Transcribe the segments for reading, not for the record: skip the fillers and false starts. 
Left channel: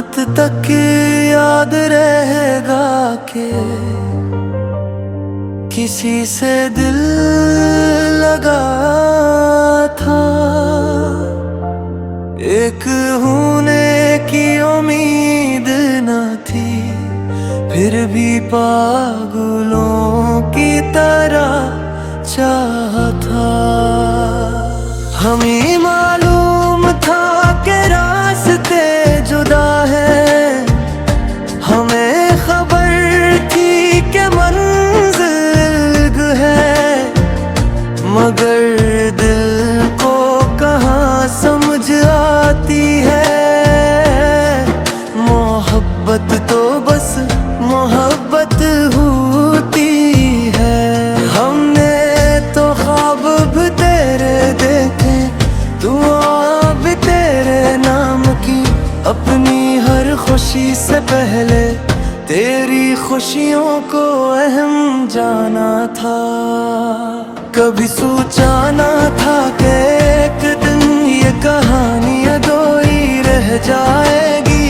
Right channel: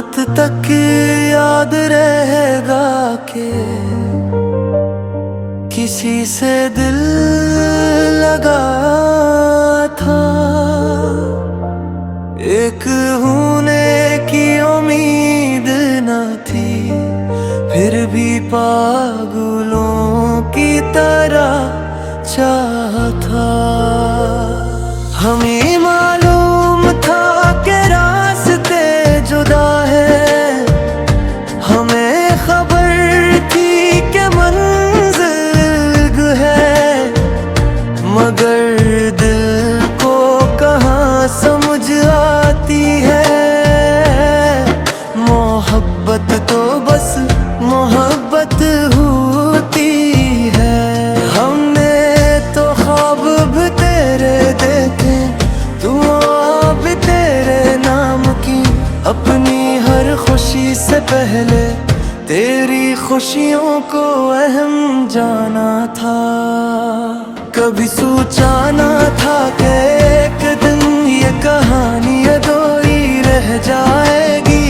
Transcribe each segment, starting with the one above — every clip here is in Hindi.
कयामत तक याद रहेगा के किसी से दिल लगा था। एक होने की उम्मीद न थी, फिर भी पागलों की तरह चाहा था। हमें मालूम था कि रास्ते जुदा है, हमें खबर थी कि मंजिल है, मगर दिल को कहाँ समझ आती है। मोहब्बत तो बस मोहब्बत होती है। हमने तो ख्वाब भी तेरे देखे, दुआ भी तेरे नाम की, अपनी हर खुशी से पहले तेरी खुशियों को अहम जाना था। कभी सोचा ना था कि एक दिन ये कहानी अधूरी रह जाएगी।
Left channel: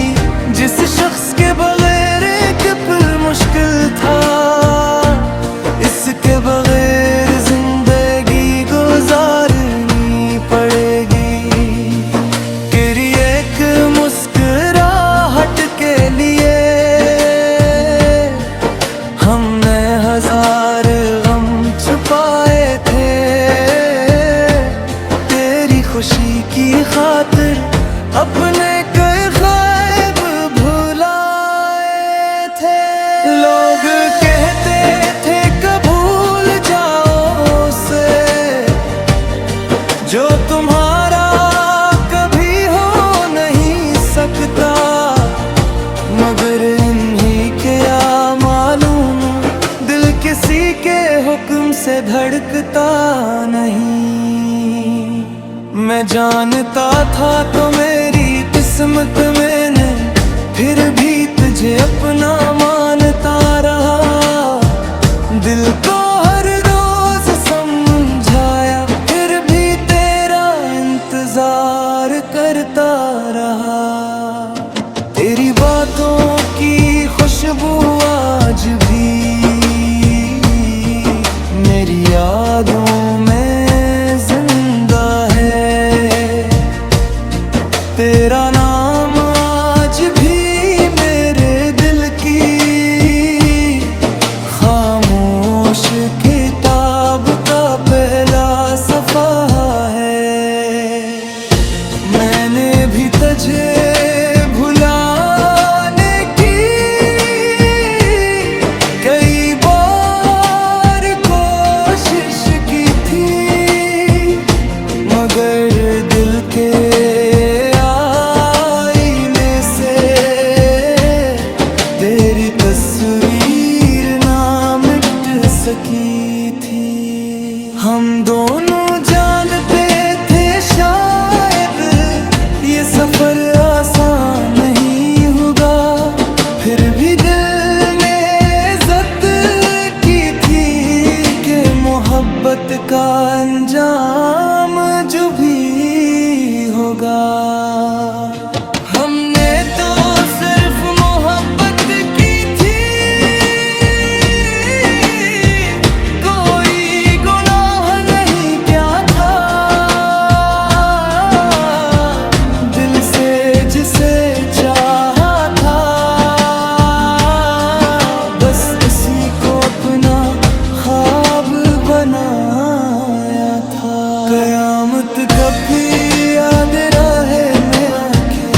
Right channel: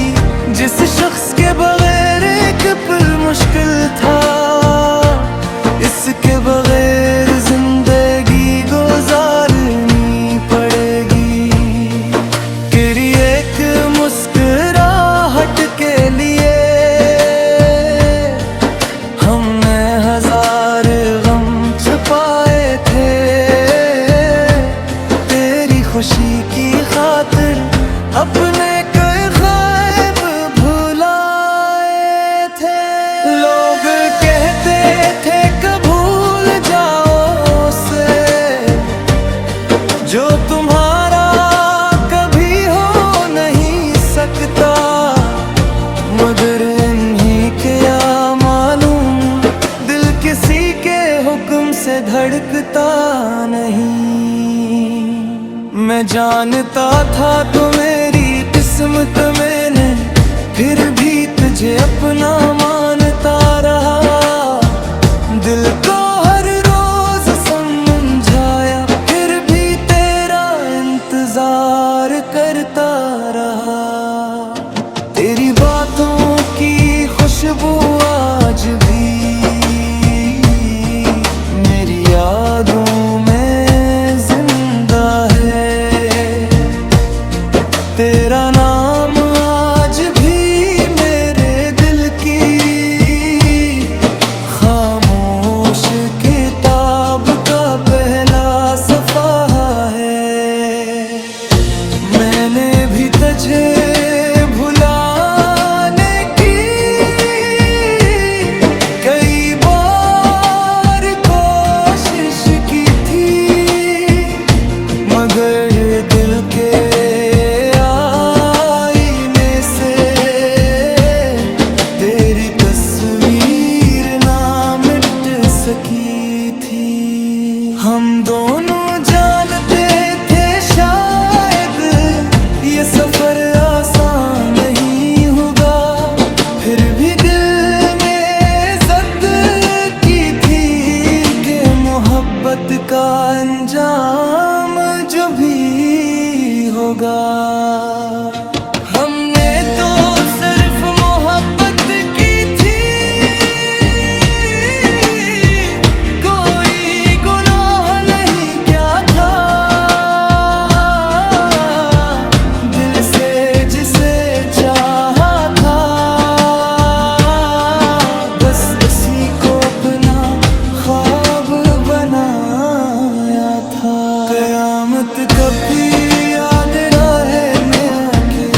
जिस शख्स के बगैर एक पल मुश्किल था, इसके बगैर जिंदगी गुजारनी पड़ेगी। तेरी एक मुस्कुराहट के लिए हमने हजार गम छुपाए थे, तेरी खुशी की खातिर अपने कई ख्वाब भुलाए थे। लोग कहते थे कि भूल जाओ उसे, जो तुम्हारा कभी हो नहीं सकता, मगर इन्हीं के या मालूम, दिल किसी के हुक्म से धड़कता नहीं। मैं जानता था तो मेरी किस्मत मैंने फिर भी तुझे अपना मानता रहा। दिल को हर रोज समझाया, फिर भी तेरा इंतजार करता रहा। तेरी बातों की खुशबू आज भी मेरी यादों में जिंदा है। तेरा नाम आज भी मेरे दिल की खामोश किताब का पहला सफ़ा है। मैंने भी तुझे भुलाने की कई बार कोशिश की थी, मगर दिल के आईने से तेरी तस्वीर ना मिट सकी थी। हम दोनों जानते थे शायद ये सफर आसान नहीं होगा, फिर भी दिल में ज़िद की थी कि मोहब्बत का अंजाम जो भी होगा। हमने तो सिर्फ मोहब्बत की थी, कोई गुनाह नहीं क्या था। दिल से जिसे चाहा था, बस उसी को अपना ख्वाब बनाया था। कयामत कभी याद रहे में आके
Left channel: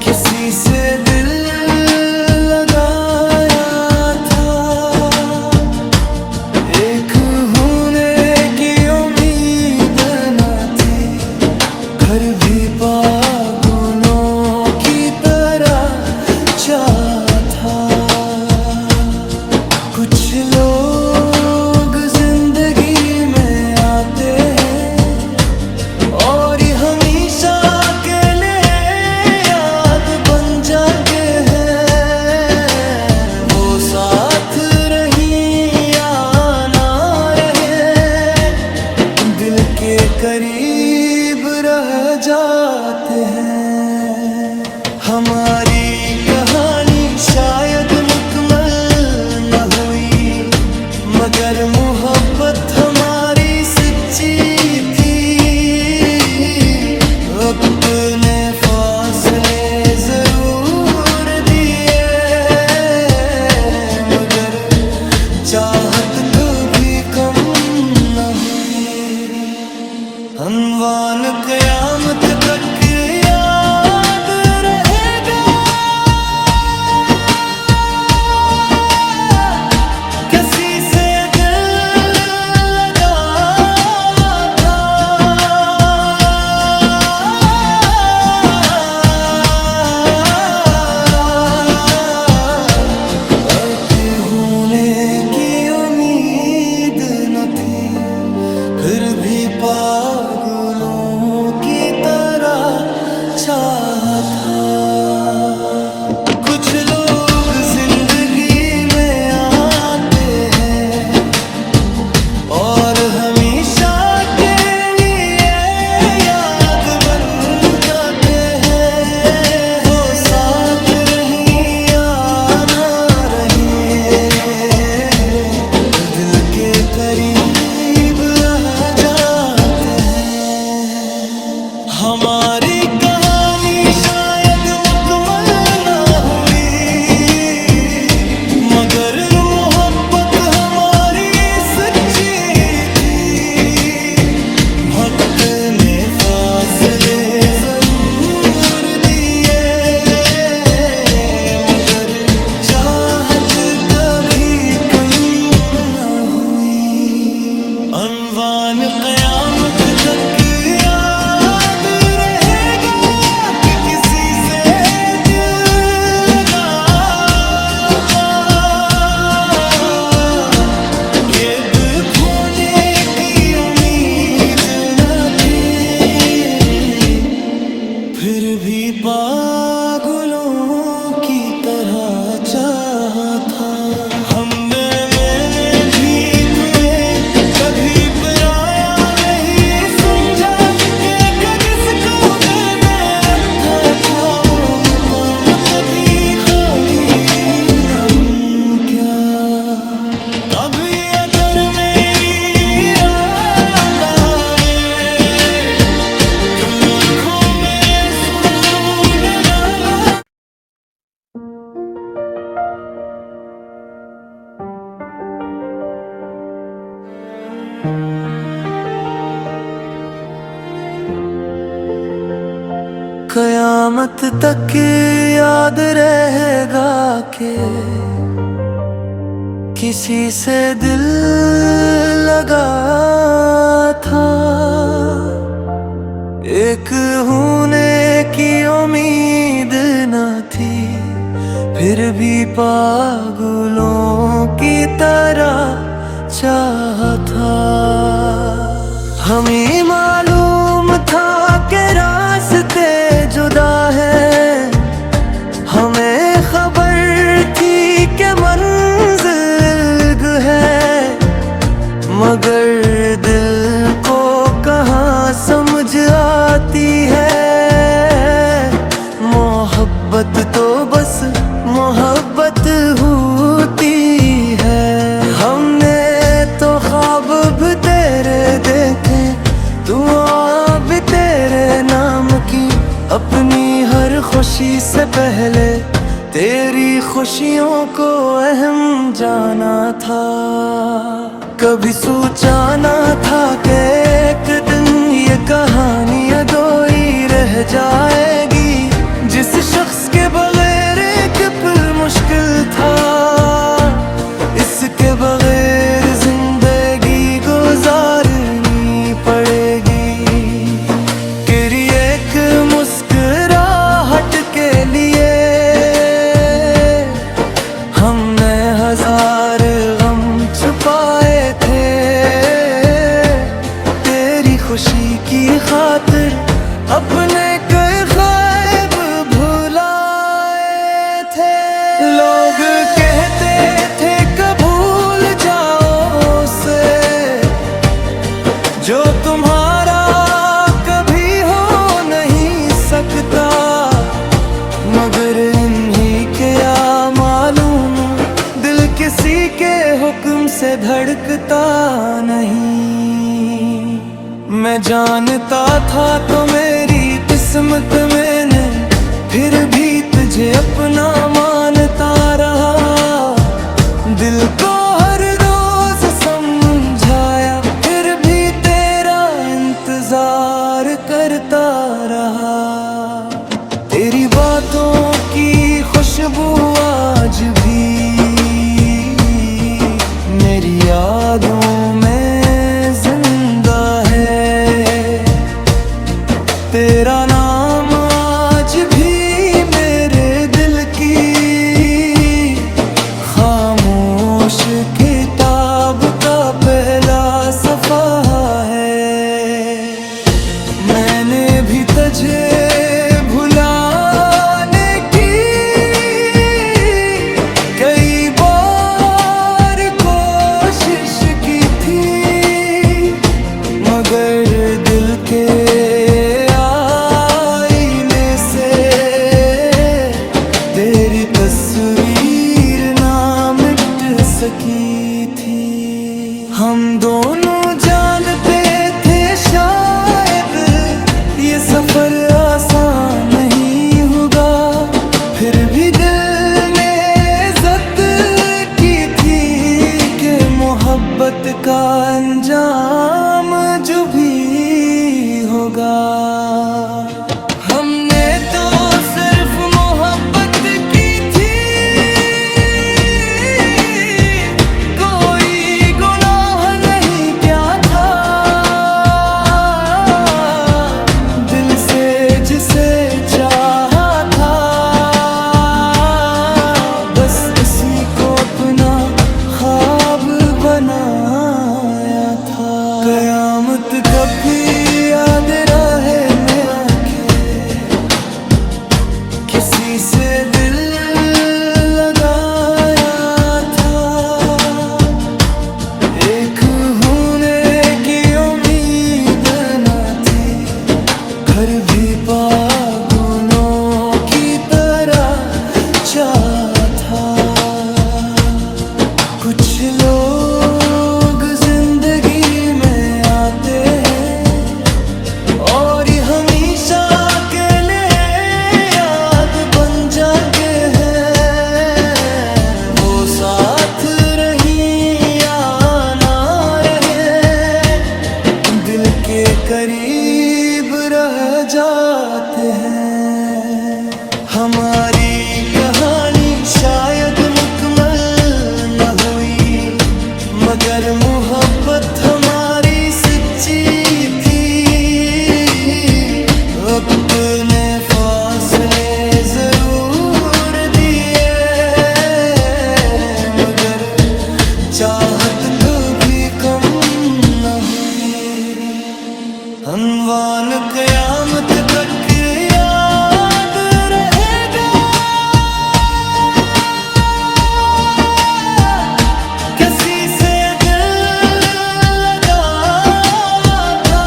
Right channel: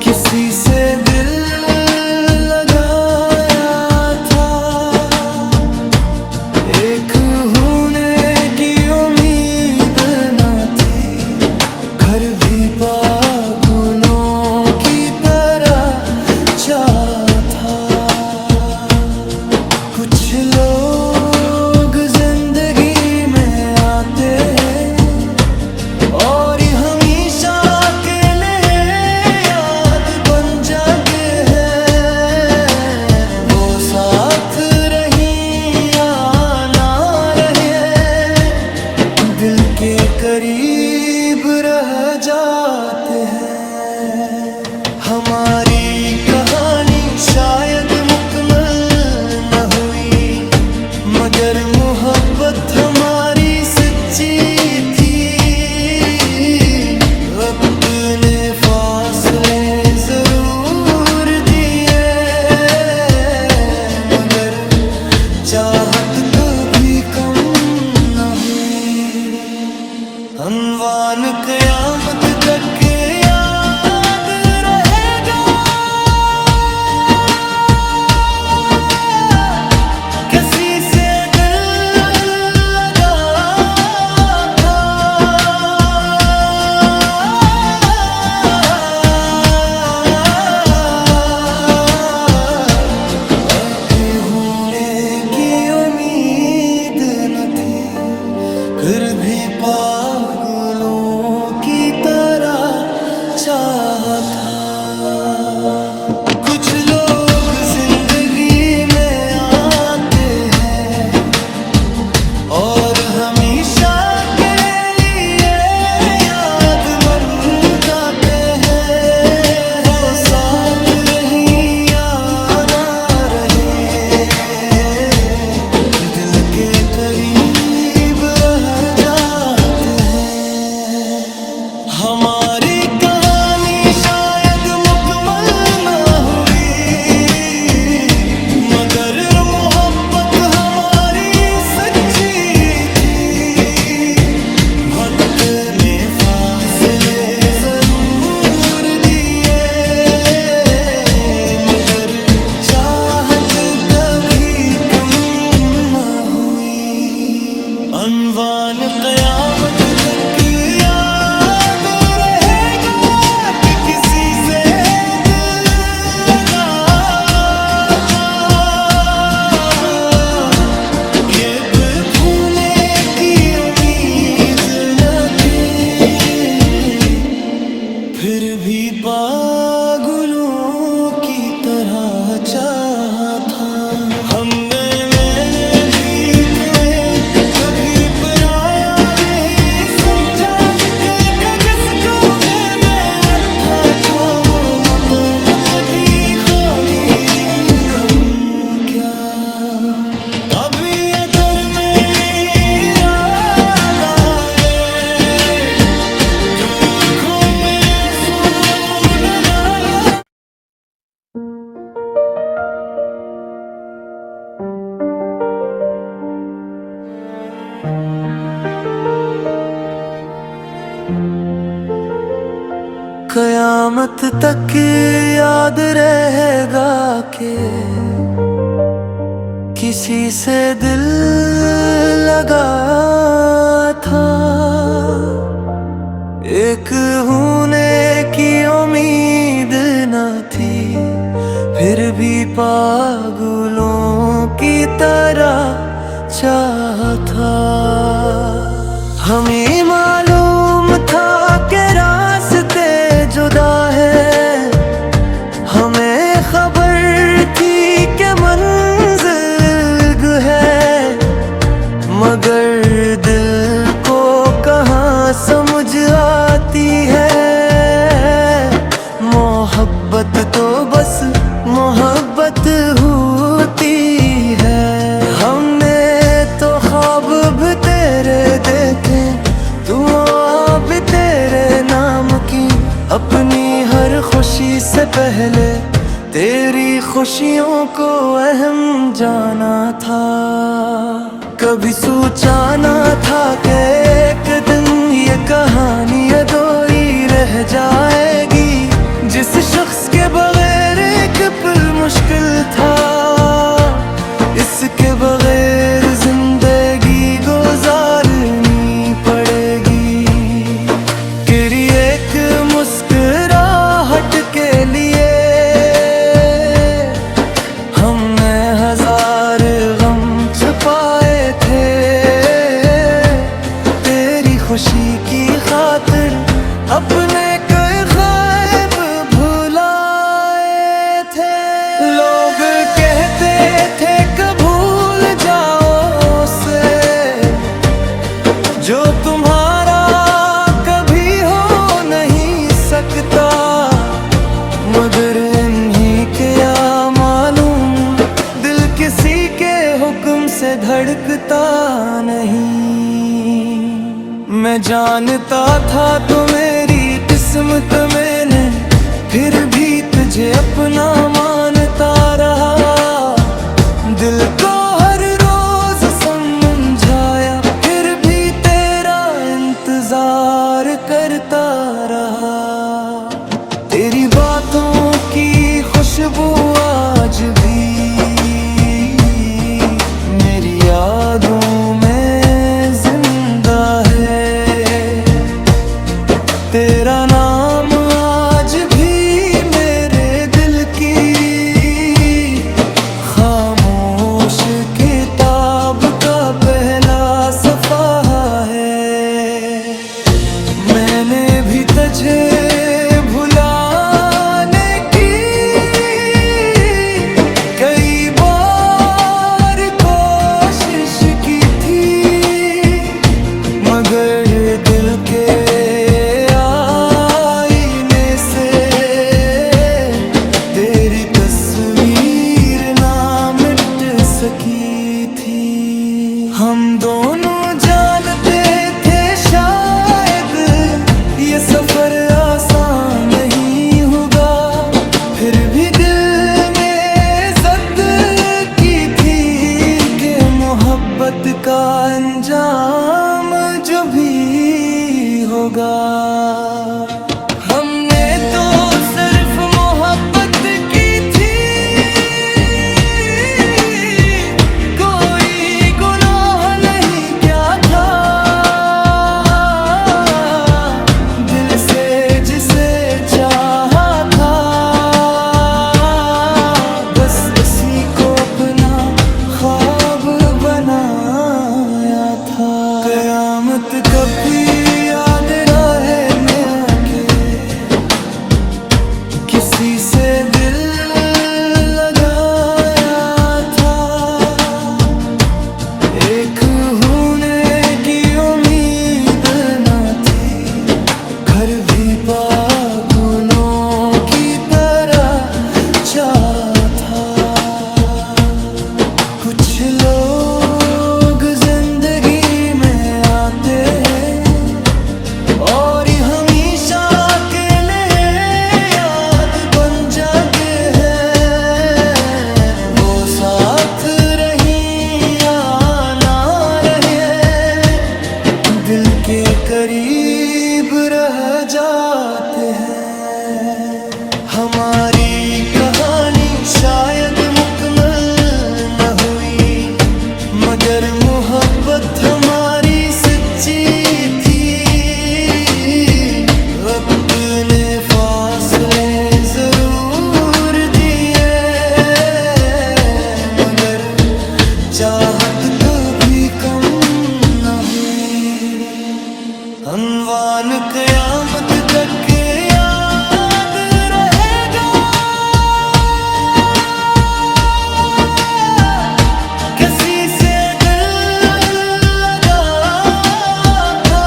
किसी से दिल लगाया था। एक होने की उम्मीद न थी, घर भी पागलों की तरह चाहा था। कुछ लोग जिंदगी में आते हैं और हमेशा के लिए याद बन जाते हैं। वो साथ रही या ना रहे, दिल के करीब रह जाते हैं। हमारी कहानी शायद मुकम्मल न हुई, मगर मोहब्बत हमारी सच्ची थी। अपने फासले जरूर दिए, मगर चाहत कभी कम न हुई। अनवान क़यामत तक याद रहेगा, किसी से दिल लगा था। आगे होने की उम्मीद न थी, फिर भी पागलों की तरह चाहा था। कुछ लोग जिंदगी में आते हैं और हमेशा के लिए याद मन करते हैं। वो साथ रही या ना रहे, दिल के करीब रह जाते हैं। हमारी कहानी शायद मुकम्मल न हुई, मगर मोहब्बत हमारी सच्ची थी। वक्त ने फासले जरूर दिए, मगर चाहत कभी कम न हुई। अनवान क़यामत तक याद रहेगा कि किसी से दिल लगा था। ये दिल भूलने की उम्मीद न थी, फिर भी पागलों की तरह चाहा था। मैंने भी तुम्हें कभी पराया नहीं समझा, कि जिसको मैंने रखा था वो मत भी खोदी नहीं क्या। कभी अगर मेरी इरादा ने जो आँखों में सुने लाना। कयामत तक याद रहेगा कि किसी से दिल लगा था। एक होने की उम्मीद न थी, फिर भी पागलों की तरह चाहा था। हमें मालूम था कि रास्ते जुदा है, हमें खबर थी कि मंजिल है, मगर दिल को कहाँ समझ आती है। मोहब्बत तो बस मोहब्बत होती है। हमने तो ख्वाब भी तेरे देखे, दुआ भी तेरे नाम की। अपनी हर खुशी से पहले तेरी खुशियों को अहम जाना था। कभी सोचा ना था कि एक दिन ये कहानी अधूरी रह जाएगी। जिस शख्स के बगैर एक पल मुश्किल था, इसके बगैर जिंदगी गुजारनी पड़ेगी। तेरी एक मुस्कुराहट के लिए हमने हजार गम छुपाए थे। तेरी खुशी की खातिर अपने कई ख्वाब भुलाए थे। लोग कहते थे कब भूल जाओ उसे, जो तुम्हारा कभी हो नहीं सकता। मगर इन्हीं के या मालूम, दिल किसी के हुक्म से धड़कता नहीं। मैं जानता था तो मेरी किस्मत मैंने फिर भी तुझे अपना मानता रहा। दिल को हर रोज समझाया फिर भी तेरा इंतजार करता रहा। तेरी बातों की खुशबू आज भी मेरी यादों में जिंदा है। तेरा नाम आज भी मेरे दिल की खामोश किताब का पहला सफ़ा है। मैंने भी तुझे भुलाने की कई बार कोशिश की थी, मगर दिल के आईने से तेरी तस्वीर ना मिट सकी थी। हम दोनों जानते थे शायद ये सफर आसान नहीं होगा, फिर भी दिल में ज़द की थी कि मोहब्बत का अंजाम जो भी होगा। हमने तो सिर्फ मोहब्बत की थी, कोई गुनाह नहीं क्या था। दिल से जिसे चाहा था बस उसी को अपना ख्वाब बनाया था। कयामत कभी याद रहे में आके किसी से दिल लगाया था। एक होने की उम्मीद न थी, घर भी पागलों की तरह चाहा था। कुछ लोग जिंदगी में आते हैं और हमेशा के लिए याद बन जाते हैं। वो साथ रही या ना रहे, दिल के करीब रह जाते हैं। हमारी कहानी शायद मुकम्मल न हुई, मगर मोहब्बत हमारी सच्ची थी। अपने फासले जरूर दिए, मगर चाहत कभी कम न हुई। अनवान क़यामत तक याद रहेगा, किसी से दिल लगा था।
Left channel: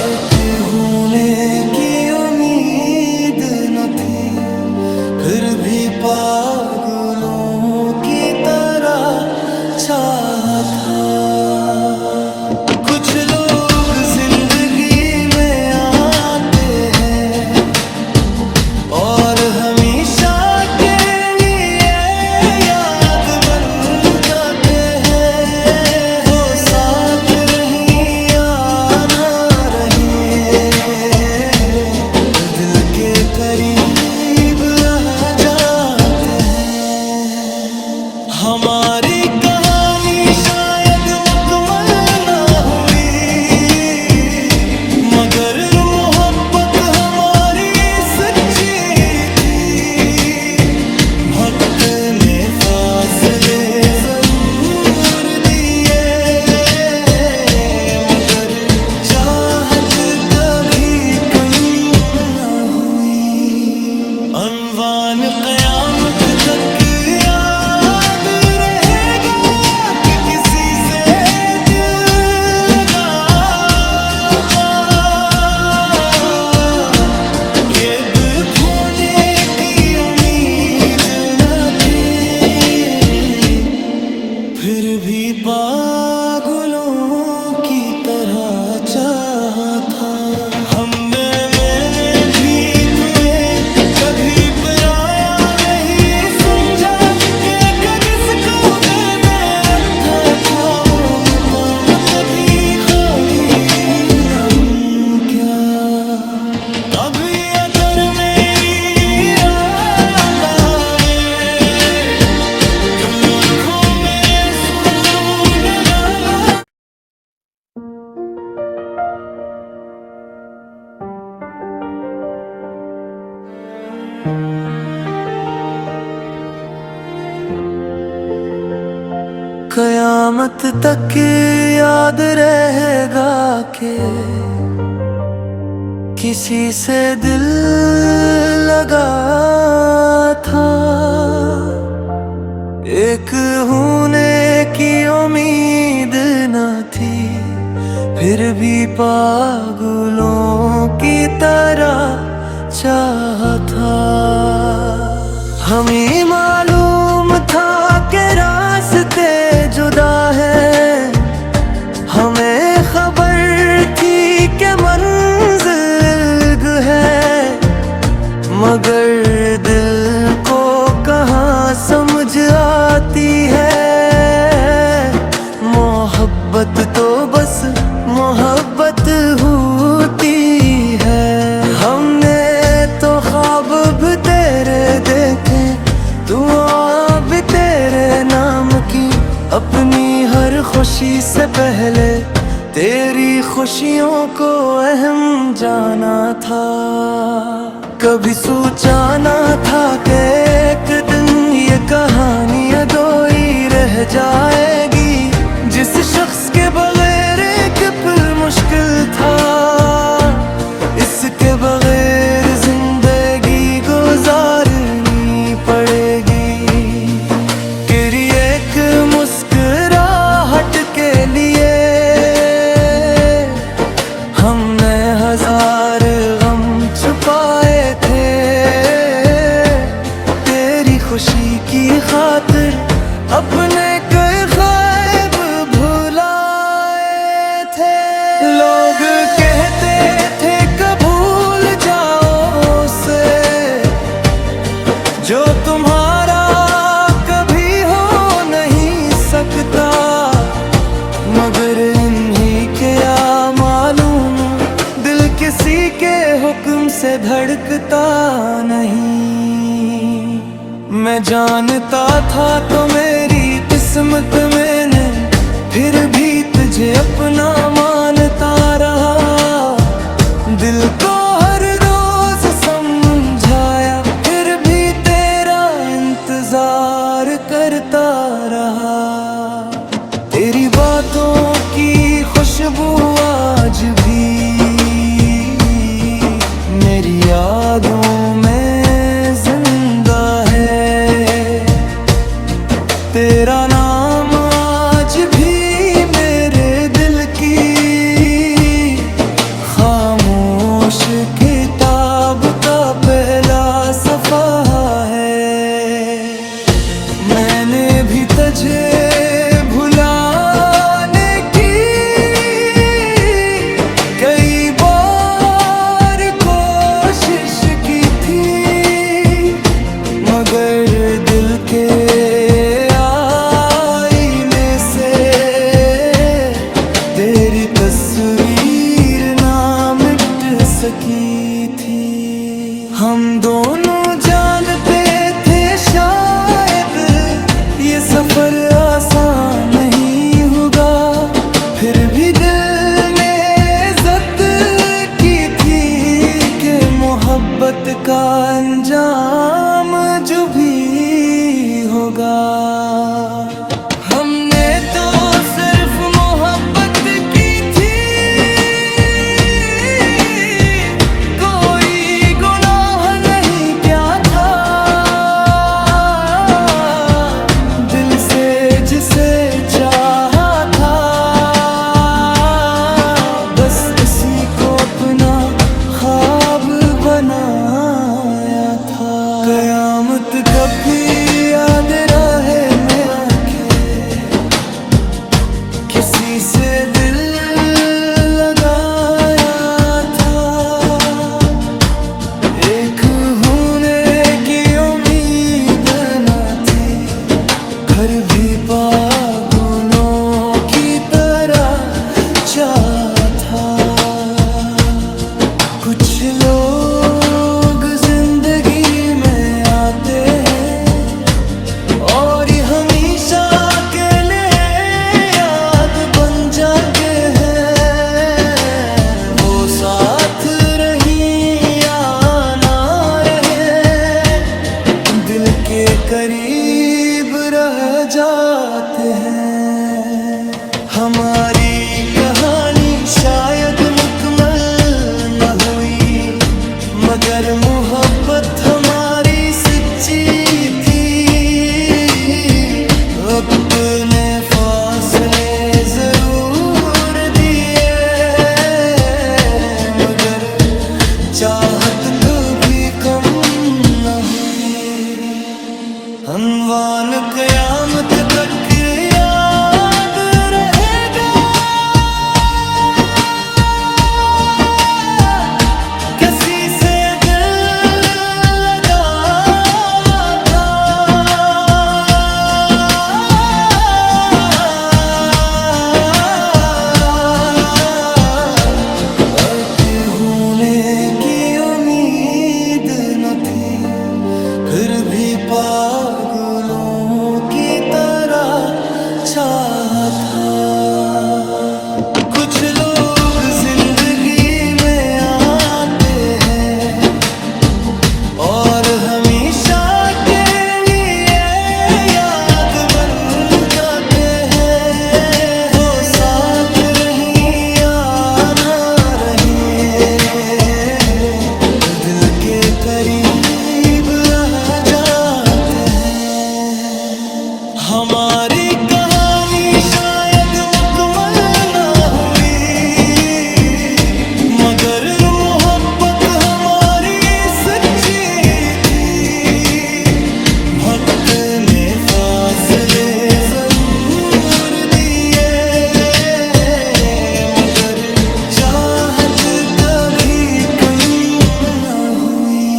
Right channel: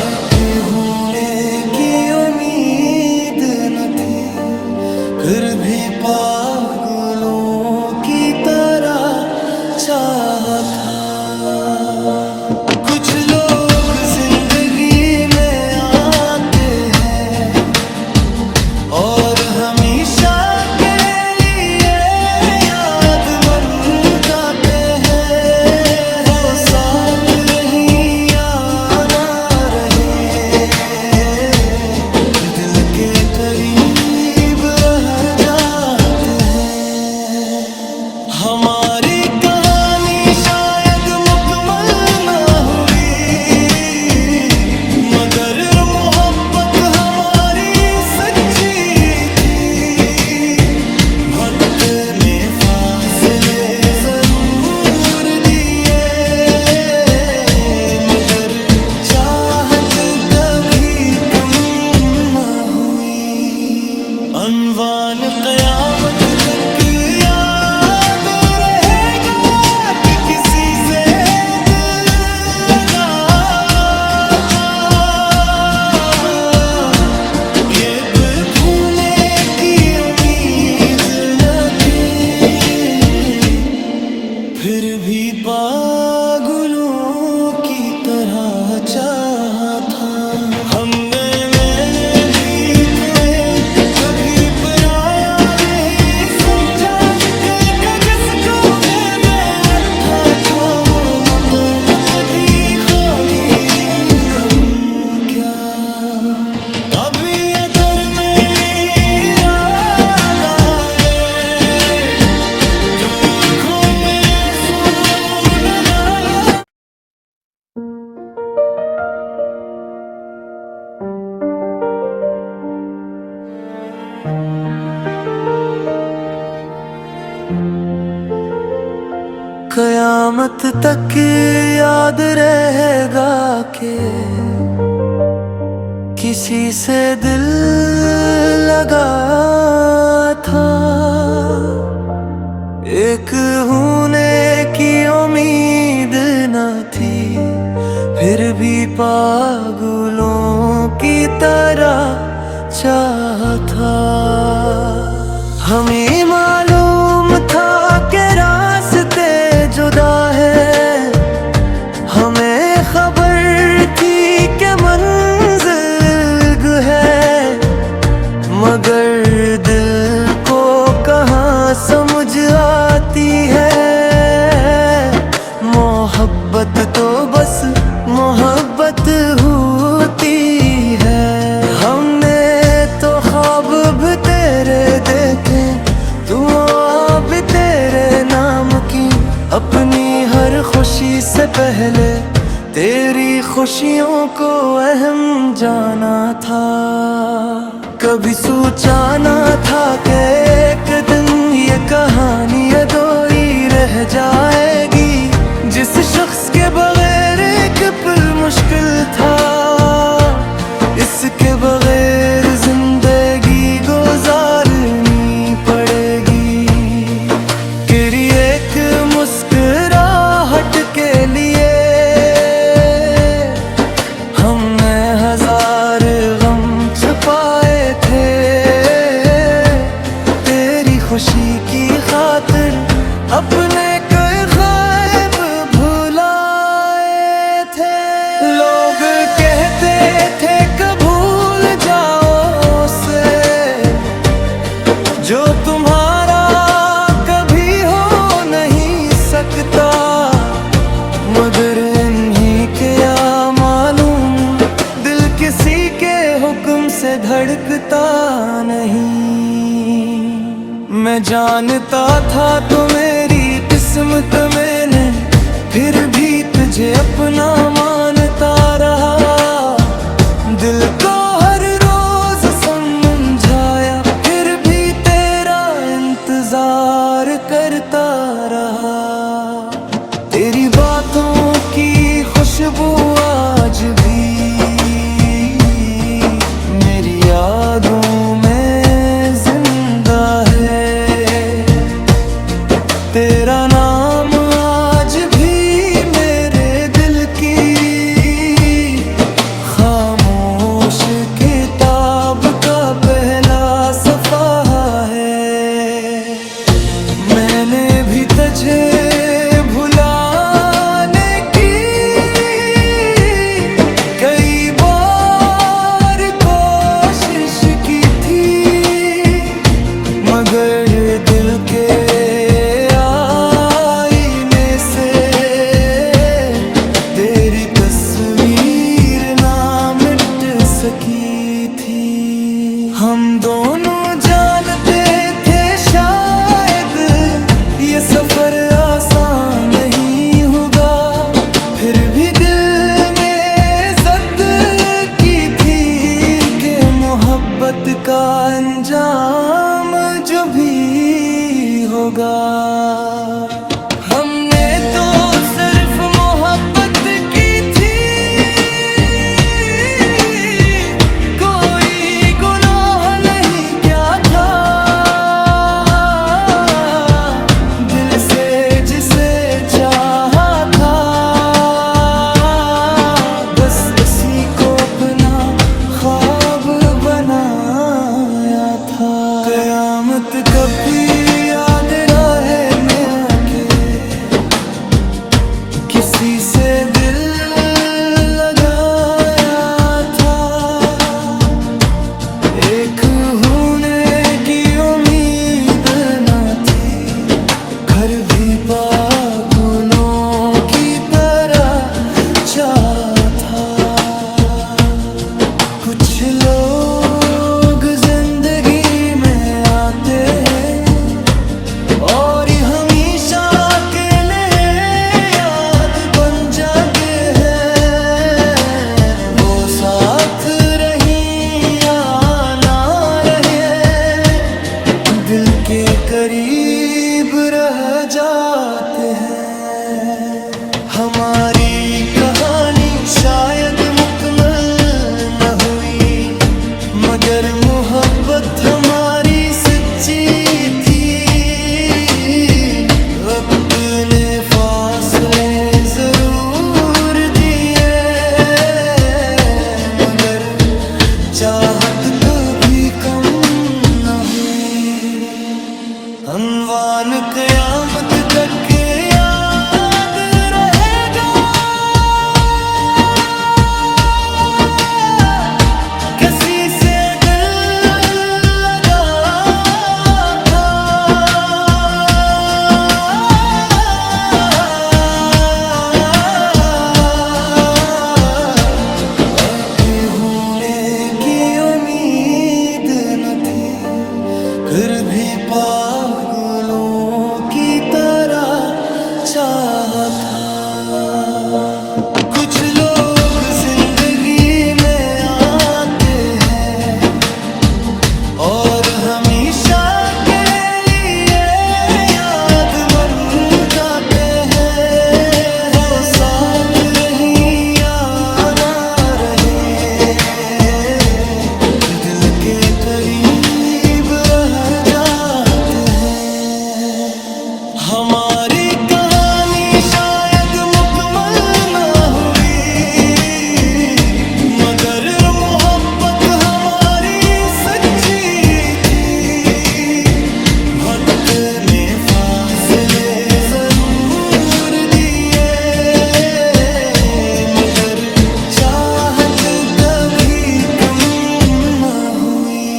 अब होने की उम्मीद न थी, फिर भी पागलों की तरह चाहा था। कुछ लोग जिंदगी में आते हैं और हमेशा के लिए याद मन करते हैं। वो साथ रही या ना रहे, दिल के करीब रह जाते हैं। हमारी कहानी शायद मुकम्मल ना हुई, मगर मोहब्बत हमारी सच्ची थी। वक्त ने फासले जरूर दिए, मगर चाहत कभी कम ना हुई। की तरह चाहा था। मैंने भी तुम्हें कभी पराया नहीं समझा कि जिसको मैंने रखा था वो मतम कभी खोगी नहीं क्या। तभी अगर मेरी इरादा ने जो आँखों मेरे सुने लाना। कयामत तक याद रहेगा कि किसी से दिल लगा था। एक होने की उम्मीद न थी फिर भी पागलों की तरह चाहा था। हमें मालूम था कि रास्ते जुदा है, हमें खबर थी कि मंजिल है, मगर दिल को कहाँ समझ आती है। मोहब्बत तो बस मोहब्बत होती है। हमने तो ख्वाब भी तेरे देखे, दुआ भी तेरे नाम की, अपनी हर खुशी से पहले तेरी खुशियों को अहम जाना था। कभी सोचा ना था कि एक दिन ये कहानी अधूरी रह जाएगी। जिस शख्स के बगैर एक पल मुश्किल था, इसके बगैर जिंदगी गुजारनी पड़ेगी। तेरी एक मुस्कुराहट के लिए हमने हजार गम छुपाए थे। तेरी खुशी की खातिर अपने कोई ख्वाब भुलाए थे। लोग कहते थे कब भूल जाओ उसे जो तुम्हारा कभी हो नहीं सकता, मगर इन्हीं के या मालूम दिल किसी के हुक्म से धड़कता नहीं। मैं जानता था तो मेरी किस्मत मैंने फिर भी तुझे अपना मानता रहा। दिल को हर रोज समझाया फिर भी तेरा इंतजार करता रहा। तेरी बातों की खुशबू आज भी मेरी यादों में जिंदा है। तेरा नाम आज भी मेरे दिल की खामोश किताब का पहला सफ़ा है। मैंने भी तुझे भुलाने की कई बार कोशिश की थी, मगर दिल के आईने से तेरी तस्वीर ना मिट सकी थी। हम दोनों जानते थे शायद ये सफर आसान नहीं होगा, फिर भी दिल ने जिद की थी कि मोहब्बत का अंजाम जो भी होगा। हमने तो सिर्फ मोहब्बत की थी, कोई गुनाह नहीं क्या था। दिल से जिसे चाहा था, बस इसी को अपना ख्वाब बनाया था। कयामत कभी याद राह में आके किसी से दिल लगाया था, एक होने की उम्मीद न थी, घर भी पागलों की तरह चाहा था। कुछ लोग जिंदगी में आते हैं और हमेशा के लिए याद बन जाते हैं। वो साथ रही या ना रहे, दिल के करीब रह जाते हैं। हमारी कहानी शायद मुकम्मल न हुई, मगर मोहब्बत हमारी सच्ची थी। अपने फासले जरूर दिए, मगर चाहत कभी कम न हुई। अनवान क़यामत तक याद रहेगा, किसी से दिल लगा था। अब होने की उम्मीद न थी, फिर भी पागलों की तरह चाहा था। कुछ लोग जिंदगी में आते हैं और हमेशा के लिए याद मन करते हैं। वो साथ रही या ना रहे, दिल के करीब रह जाते हैं। हमारी कहानी शायद मुकम्मल ना हुई, मगर मोहब्बत हमारी सच्ची थी। वक्त ने फासले जरूर दिए, मगर चाहत कभी कम ना हुई।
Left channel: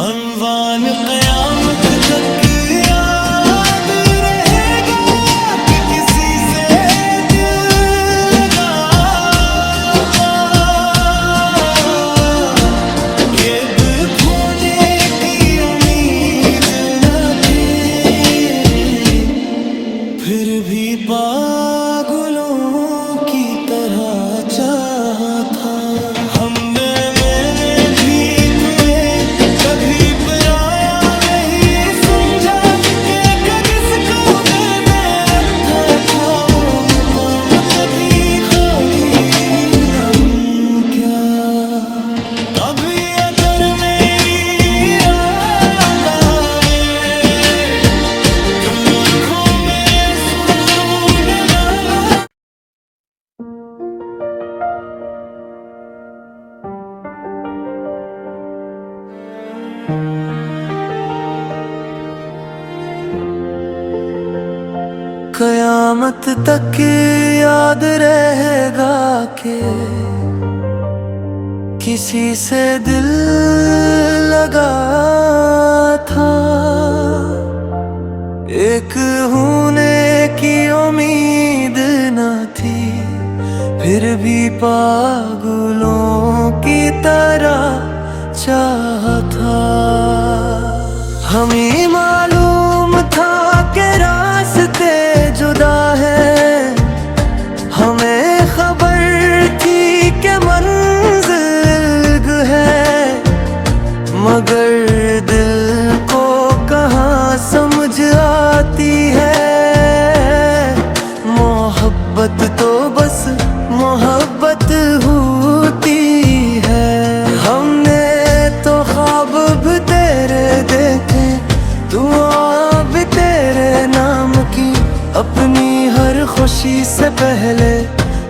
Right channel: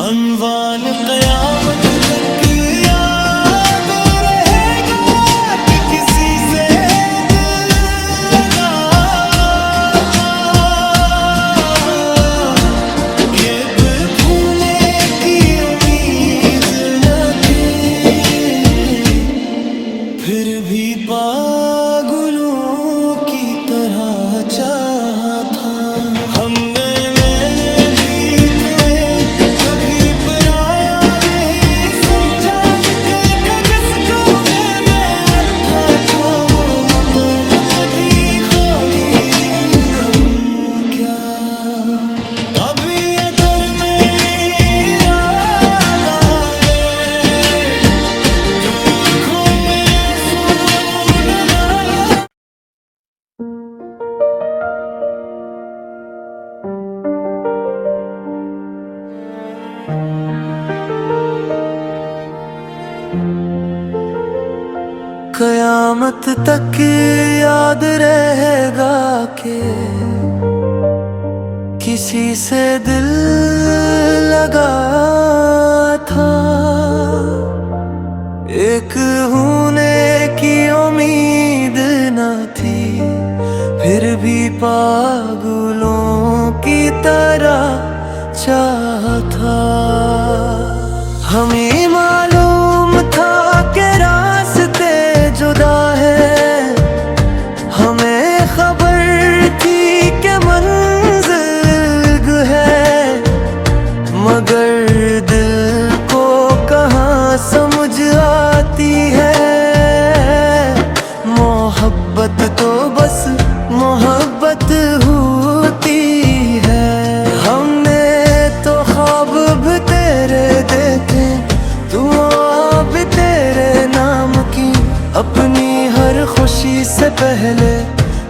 अनवान क़यामत तक याद रहेगा कि किसी से दिल लगा था। ये दिल भूलने की उम्मीद न थी, फिर भी पागलों की तरह चाहा था। मैंने भी तुम्हें कभी पराया नहीं समझा, कि किसको देने रखा था वो मतम कभी खोदी न हूँ क्या। कभी अगर मेरी इरादा ने जो आँखों मेरे सुने लाला। कयामत तक याद रहेगा कि किसी से दिल लगा था। एक होने की उम्मीद न थी, फिर भी पागलों की तरह चाहा था। हमें मालूम था कि रास्ते जुदा है, हमें खबर थी कि मंजिल है, मगर दिल को कहाँ समझ आती है। मोहब्बत तो बस मोहब्बत होती है। हमने तो ख्वाब भी तेरे देखे, दुआ भी तेरे नाम की, अपनी हर खुशी से पहले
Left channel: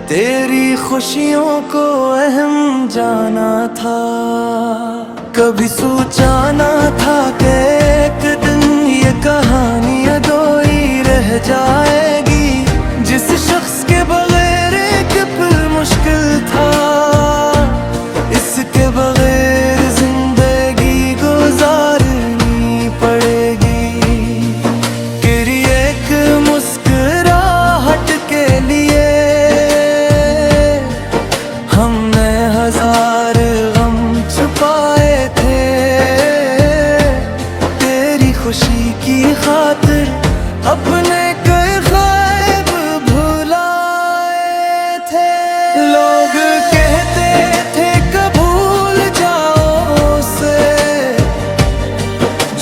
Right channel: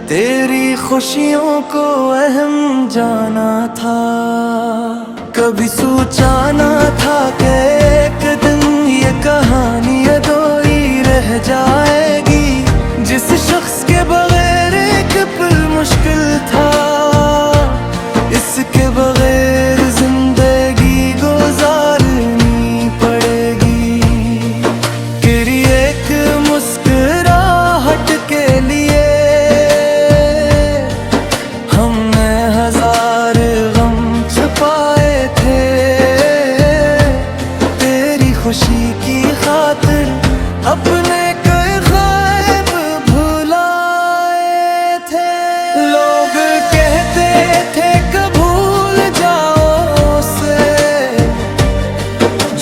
तेरी खुशियों को अहम जाना था। कभी सोचा ना था कि एक दिन ये कहानी अधूरी रह जाएगी। जिस शख्स के इसके बगैर एक पल मुश्किल था, इसके बगैर जिंदगी गुजारनी पड़ेगी। तेरी एक मुस्कुराहट के लिए हमने हजार गम छुपाए थे, तेरी खुशी की खातिर अपने कई ख्वाब भुलाए थे। लोग कहते थे कब भूल जाओ उसे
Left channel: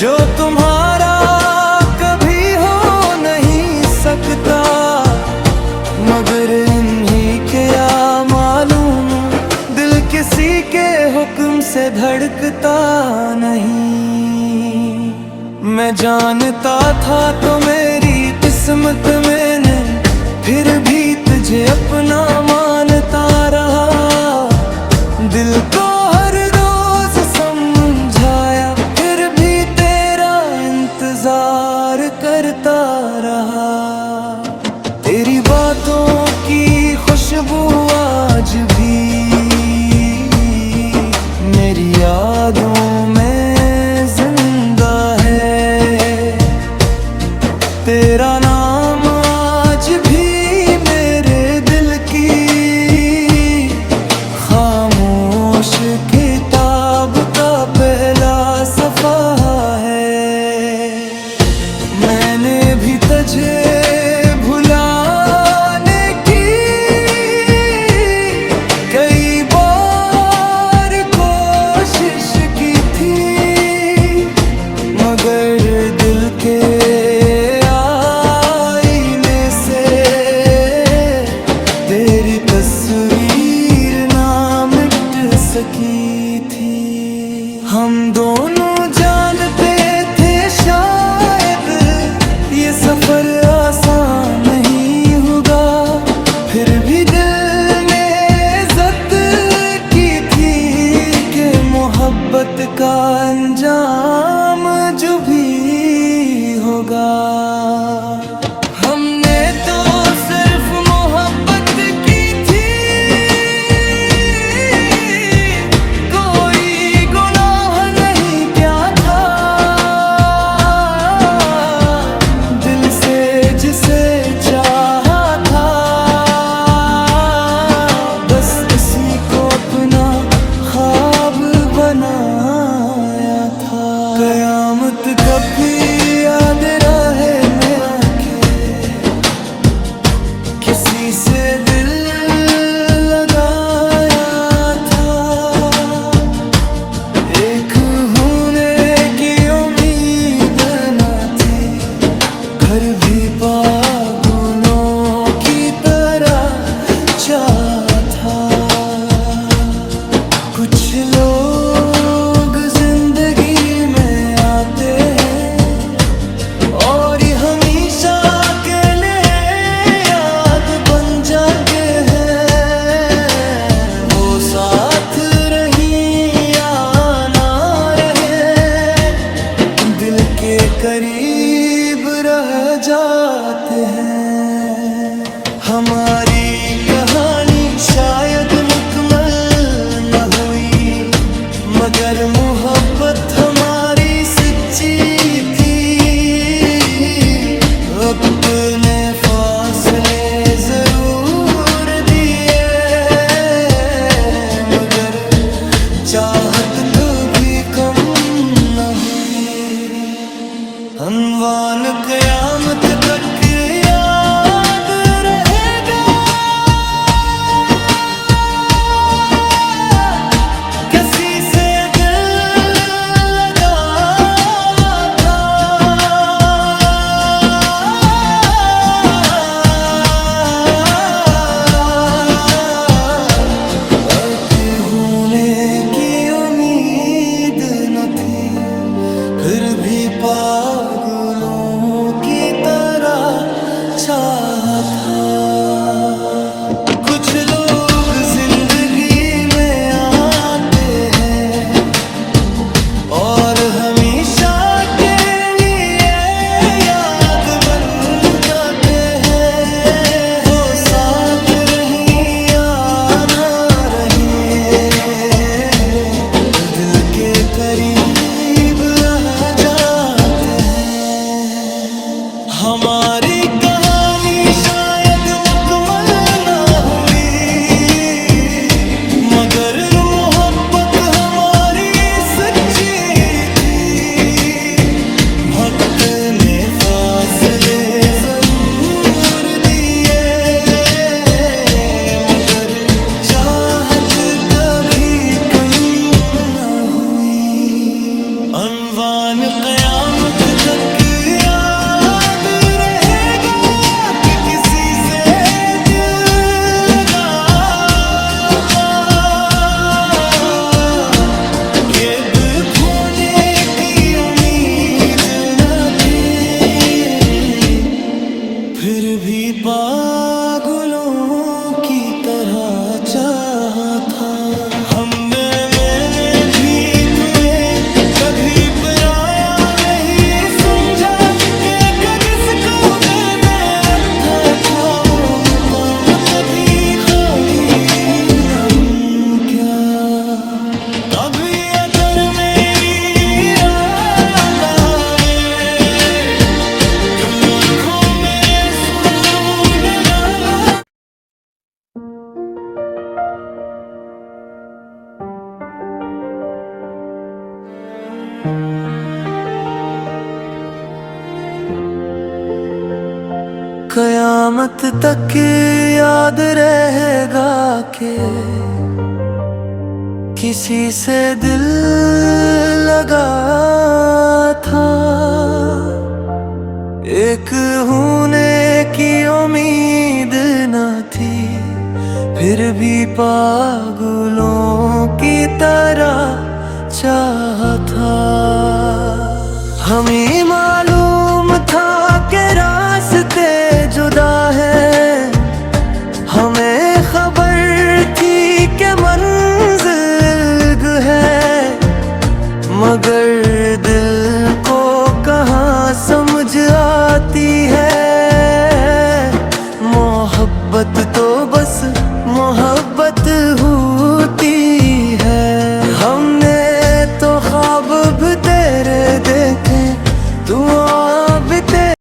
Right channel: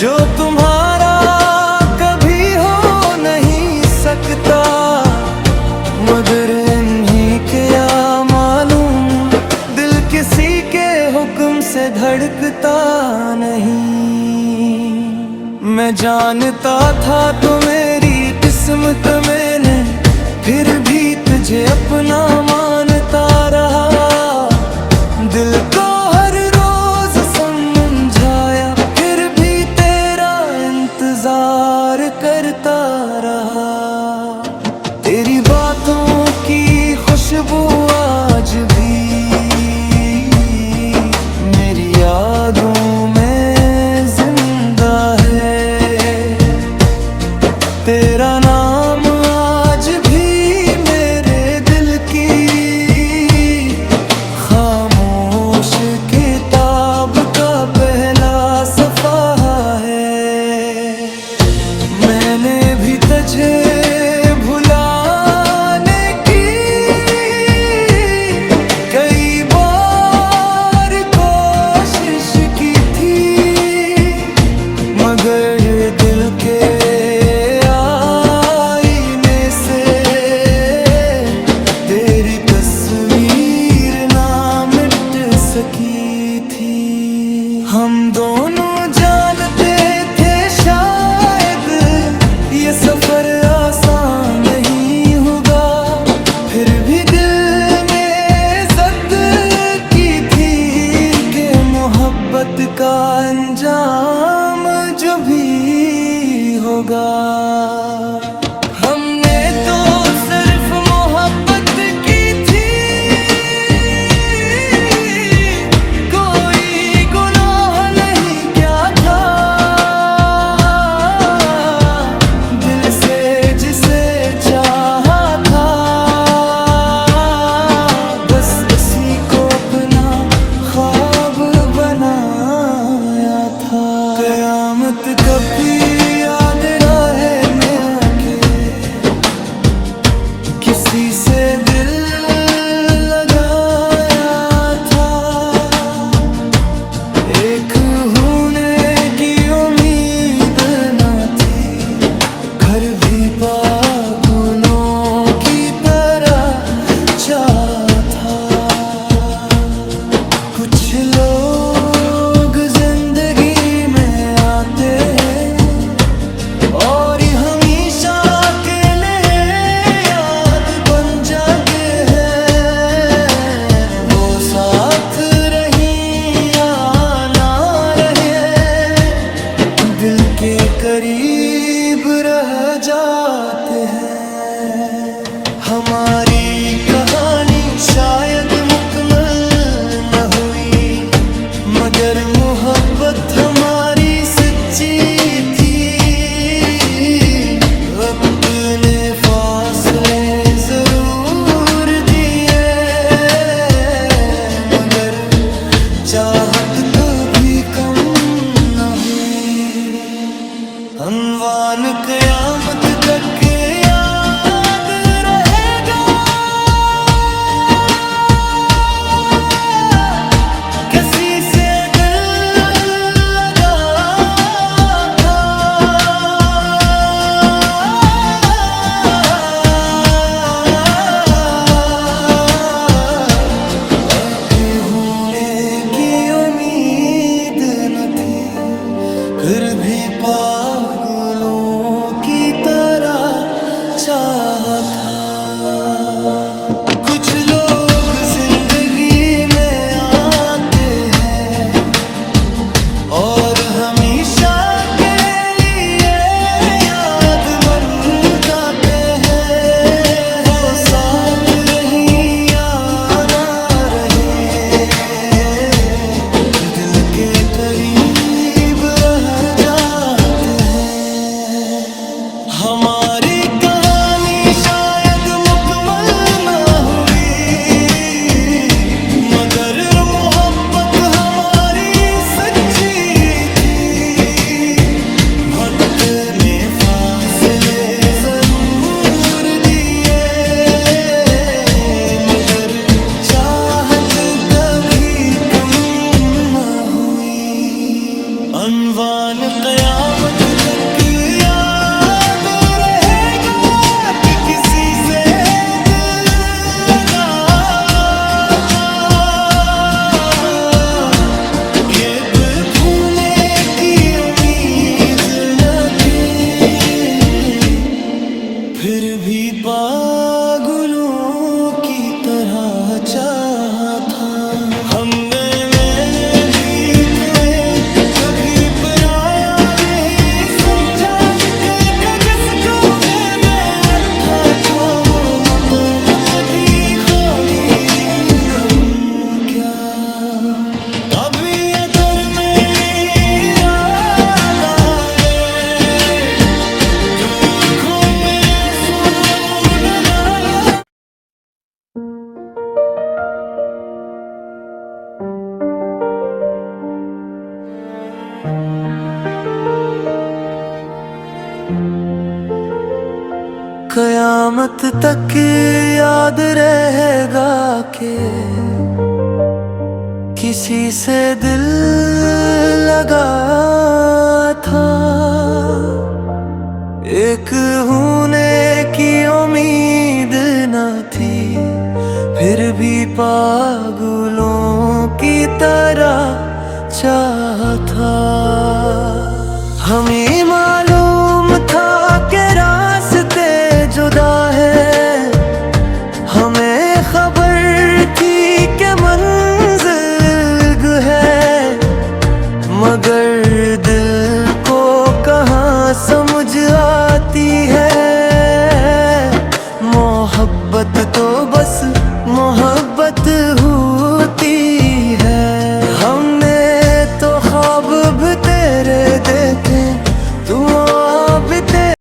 जो तुम्हारा कभी हो नहीं सकता, मगर इन्हीं के या मालूम दिल किसी के हुक्म से धड़कता नहीं। मैं जानता था तो मेरी किस्मत मैंने फिर भी तुझे अपना मानता रहा। दिल को हर रोज समझाया फिर भी तेरा इंतजार करता रहा। तेरी बातों की खुशबू आज भी मेरी यादों में जिंदा है, तेरा नाम आज भी मेरे दिल की खामोश किताब का पहला सफ़ा है। मैंने भी तुझे भुलाने की कई बार कोशिश की थी, मगर दिल के आईने से तेरी तस्वीर ना मिट सकी थी। हम दोनों जानते थे शायद ये सफर आसान नहीं होगा, फिर भी दिल में ज़िद की थी कि मोहब्बत का अंजाम जो भी होगा। हमने तो सिर्फ मोहब्बत की थी, कोई गुनाह नहीं क्या था। दिल से जिसे चाहा था बस उसी को अपना ख्वाब बनाया था। क़यामत कभी याद रहे में आके किसी से दिल लगाया था, एक होने की उम्मीद न थी, घर भी पागलों की तरह चाहा था। कुछ लोग जिंदगी में आते हैं और हमेशा के लिए याद बन जाते हैं। वो साथ रही या ना रहे दिल के करीब रह जाते हैं। हमारी कहानी शायद मुकम्मल न हुई, मगर मोहब्बत हमारी सच्ची थी। अपने फासले जरूर दिए, मगर चाहत कभी कम न हुई। अनवान क़यामत तक याद रहेगा किसी से दिल लगा था। अके होने की उम्मीद न थी, फिर भी पागलों की तरह चाहा था। कुछ लोग जिंदगी में आते हैं और हमेशा के लिए याद मन करते हैं। वो साथ करीब रह जाते हैं। हमारी कहानी शायद मुकम्मल ना हुई, मगर मोहब्बत हमारी सच्ची थी। वक्त ने फासले जरूर दिए, मगर चाहत कभी कम ना हुई। अनवान क़यामत तक याद रहेगा कि किसी से दिल लगा था। ये दिल भूलने की उम्मीद न थी, फिर भी पागलों की तरह चाहा था। मैंने भी तुम्हें कभी पराया नहीं समझा, कि जिसको मैंने रखा था वो मकाम कभी खोदी नहीं क्या। कभी अगर मेरी इरादा ने जो आँखों में सुने लाला। कयामत तक याद रहेगा कि किसी से दिल लगा था। एक होने की उम्मीद न थी, फिर भी पागलों की तरह चाहा था। हमें मालूम था कि रास्ते जुदा है, हमें खबर थी कि मंजिल है, मगर दिल को कहाँ समझ आती है। मोहब्बत तो बस मोहब्बत हुई।